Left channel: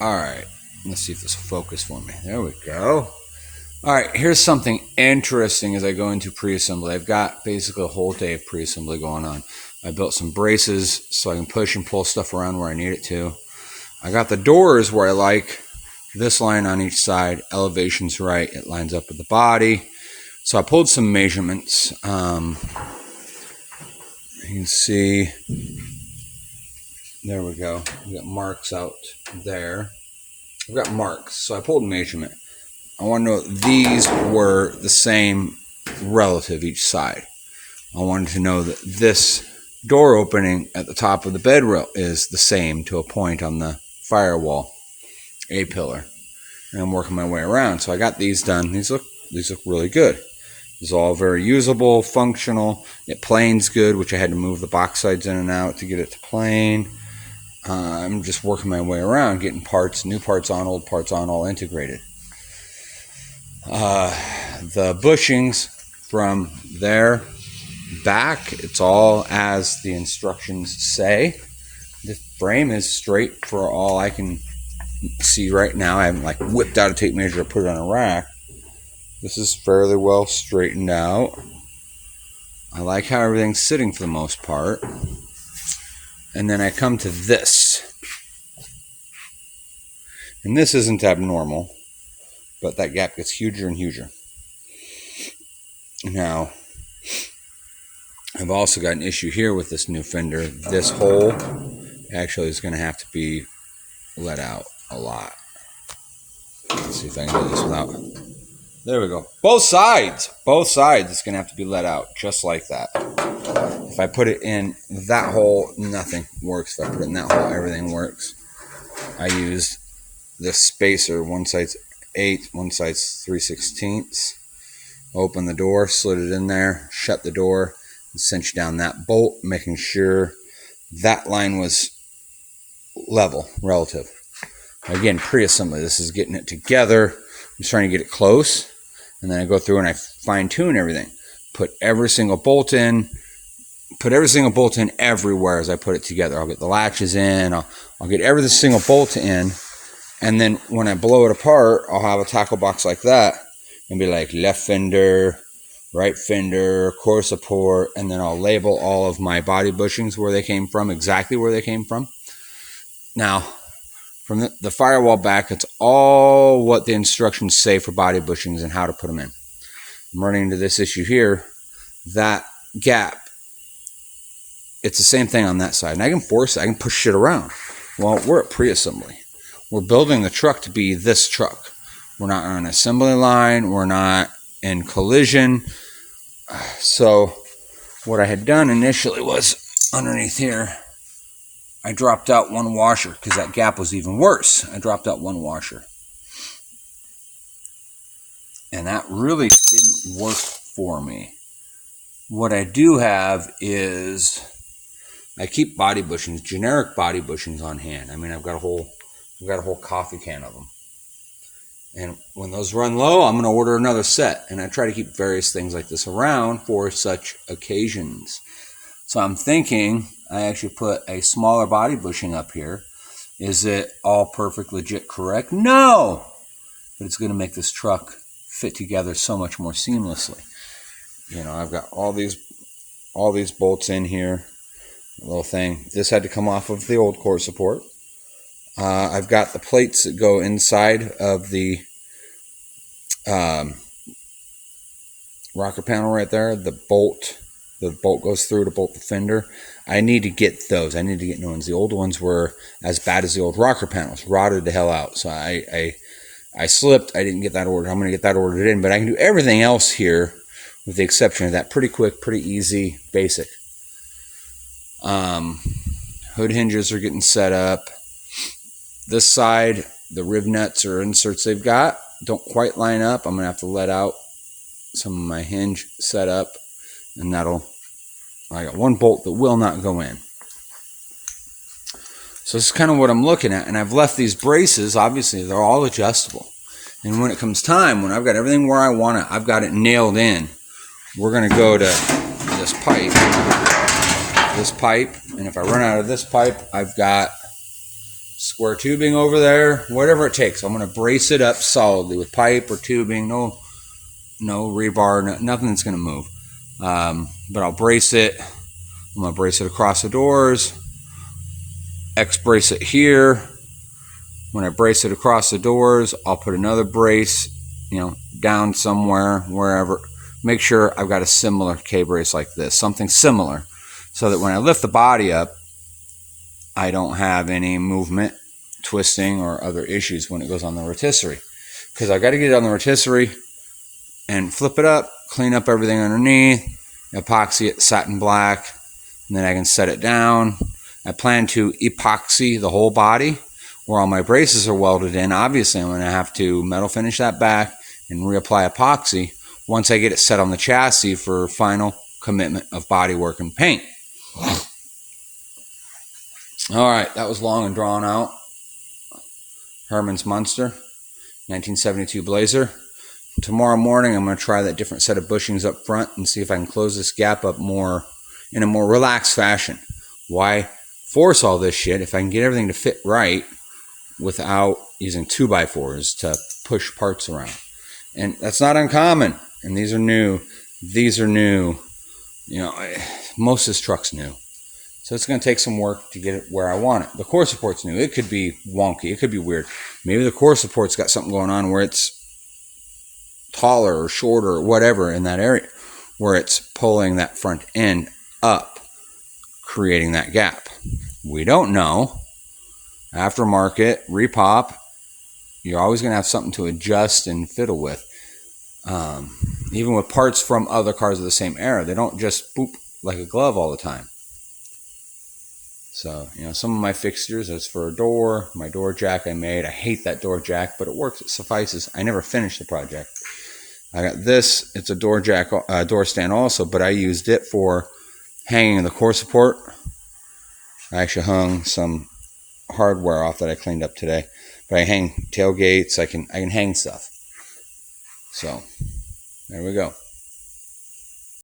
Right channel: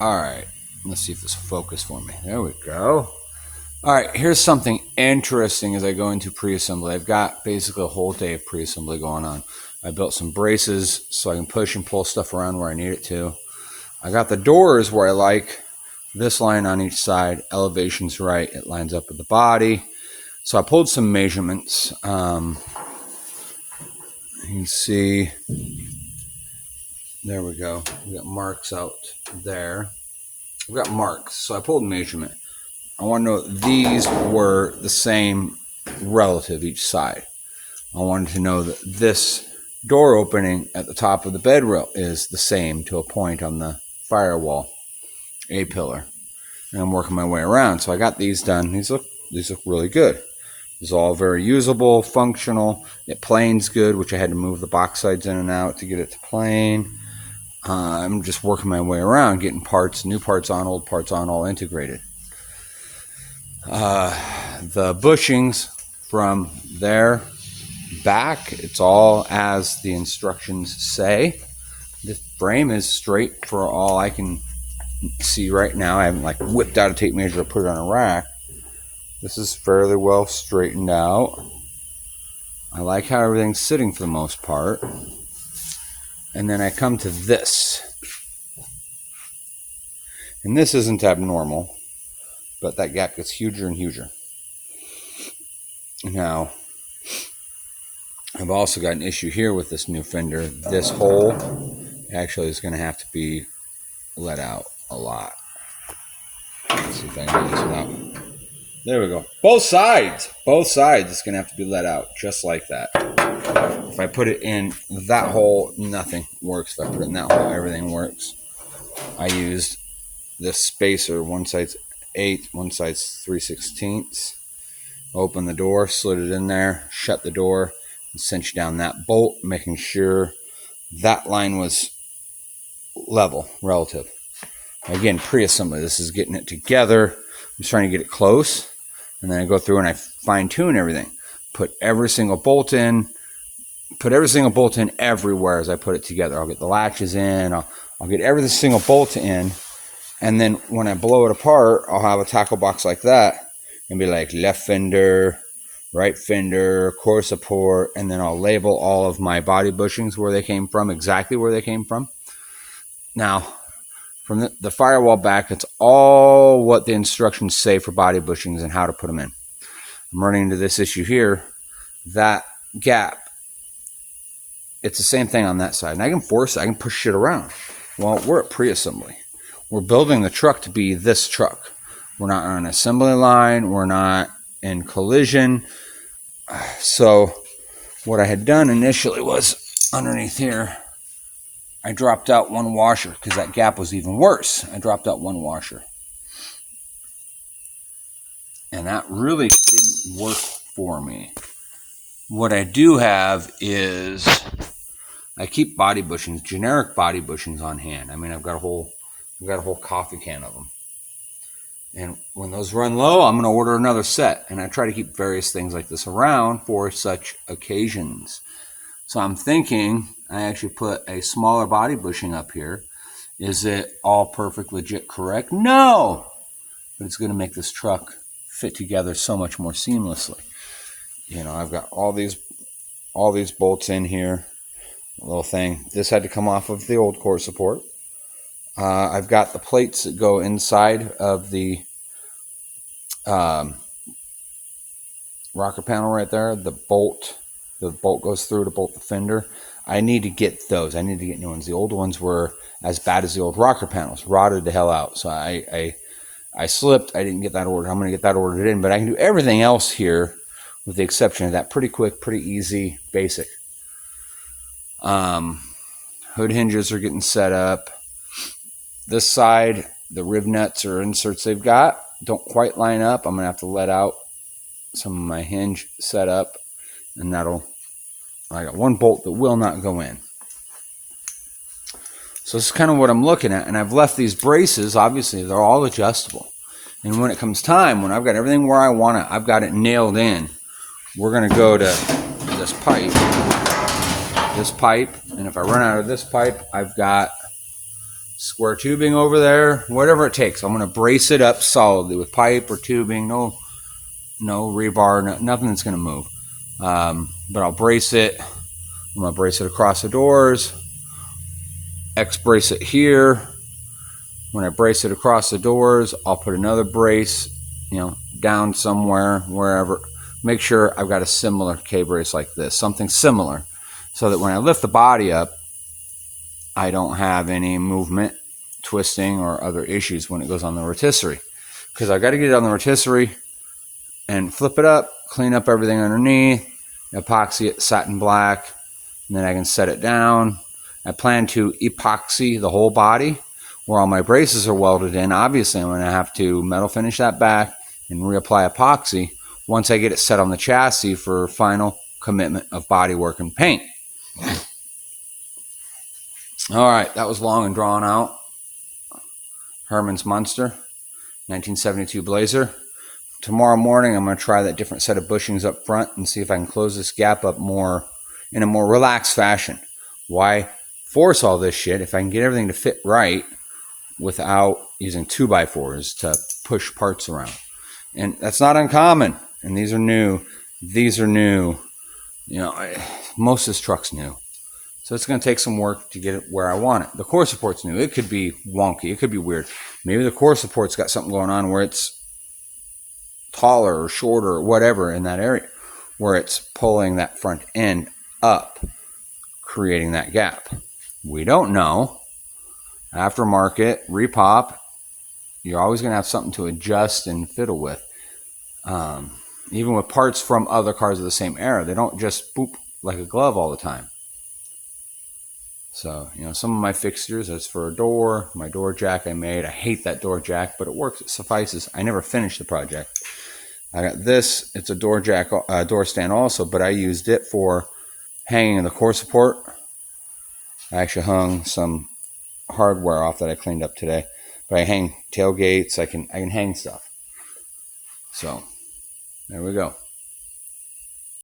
Alright, let's see if this will focus for me. There we go. Alright, here's something interesting as I go into pre-assembly. I've got basically a whole day of pre-assembly going on. I built some braces so I can push and pull stuff around where I need it to. I got the doors where I like this line on each side. Elevation's right. It lines up with the body. So I pulled some measurements. You can see, there we go. We got marks out there. We've got marks. So I pulled a measurement. I want to know if these were the same relative each side. I wanted to know that this door opening at the top of the bed rail is the same to a point on the firewall A-pillar. And I'm working my way around. So I got these done. These look really good. It's all very usable, functional. It planes good, which I had to move the box sides in and out to get it to plane. I'm just working my way around, getting parts, new parts on, old parts on, all integrated. The bushings from there back, it's all as the instructions say. This frame is straight for all I can see right now. I haven't like whipped out a tape measure or put it on a rack. This is fairly well straightened out. I like how everything's sitting for the most part. And then I come to this. And this isn't abnormal, but that gap gets huger and huger. Now, I've also got an issue here with this new fender. This hole actually is going to have to be let out a lot. Let's see if I can do this without... There we go. Both sides it's going to have to be let out just like that. If I put it in that hole, nothing works. If I put it in that hole, everything works. I used this spacer. One side's 8, one side's 3/16. Open the door, slid it in there, shut the door, and cinch down that bolt, making sure that line was level, relative. Again, pre-assembly. This is getting it together. I'm just trying to get it close. And then I go through and I fine-tune everything. Put every single bolt in. Put every single bolt in everywhere as I put it together. I'll get the latches in. I'll get every single bolt in. And then when I blow it apart, I'll have a tackle box like that. And be like left fender, right fender, core support. And then I'll label all of my body bushings where they came from, exactly where they came from. Now, from the firewall back, it's all what the instructions say for body bushings and how to put them in. I'm running into this issue here. That gap, it's the same thing on that side. And I can push shit around. Well, we're at pre-assembly. We're building the truck to be this truck. We're not on an assembly line. We're not in collision. So what I had done initially was underneath here, I dropped out one washer because that gap was even worse. I dropped out one washer. And that really didn't work for me. What I do have is I keep body bushings, generic body bushings on hand. I mean, I've got a whole coffee can of them. And when those run low, I'm going to order another set. And I try to keep various things like this around for such occasions. So I'm thinking I actually put a smaller body bushing up here. Is it all perfect, legit, correct? No! But it's going to make this truck fit together so much more seamlessly. You know, I've got all these bolts in here. A little thing. This had to come off of the old core support. I've got the plates that go inside of the rocker panel right there. The bolt goes through to bolt the fender. I need to get those. I need to get new ones. The old ones were as bad as the old rocker panels, rotted the hell out. So I slipped. I didn't get that ordered. I'm going to get that ordered in, but I can do everything else here with the exception of that. Pretty quick, pretty easy, basic. Hood hinges are getting set up. This side, the rib nuts or inserts they've got don't quite line up. I'm going to have to let out some of my hinge set up, and I got one bolt that will not go in. So this is kind of what I'm looking at, and I've left these braces, obviously they're all adjustable. And when it comes time, when I've got everything where I want it, I've got it nailed in, we're going to go to this pipe, and if I run out of this pipe, I've got square tubing over there, whatever it takes. I'm going to brace it up solidly with pipe or tubing, no rebar, nothing that's going to move. But I'll brace it. I'm going to brace it across the doors, X-brace it here. When I brace it across the doors, I'll put another brace, down somewhere, wherever. Make sure I've got a similar K-brace like this, something similar, so that when I lift the body up, I don't have any movement, twisting, or other issues when it goes on the rotisserie. Because I got to get it on the rotisserie and flip it up, clean up everything underneath, epoxy it satin black, and then I can set it down. I plan to epoxy the whole body where all my braces are welded in. Obviously, I'm going to have to metal finish that back and reapply epoxy once I get it set on the chassis for final commitment of bodywork and paint. Alright, that was long and drawn out. Herman's Munster, 1972 Blazer. Tomorrow morning I'm going to try that different set of bushings up front and see if I can close this gap up more in a more relaxed fashion. Why force all this shit if I can get everything to fit right without using 2x4s to push parts around? And that's not uncommon. And these are new. Most of this truck's new. So it's going to take some work to get it where I want it. The core support's new. It could be wonky. It could be weird. Maybe the core support's got something going on where it's taller or shorter or whatever in that area, where it's pulling that front end up, creating that gap. We don't know. Aftermarket, repop, you're always going to have something to adjust and fiddle with. Even with parts from other cars of the same era, they don't just boop like a glove all the time. So, some of my fixtures, that's for a door, my door jack I made. I hate that door jack, but it works, it suffices. I never finished the project. I got this, it's a door jack, door stand also, but I used it for hanging the core support. I actually hung some hardware off that I cleaned up today. But I hang tailgates, I can hang stuff. So, there we go.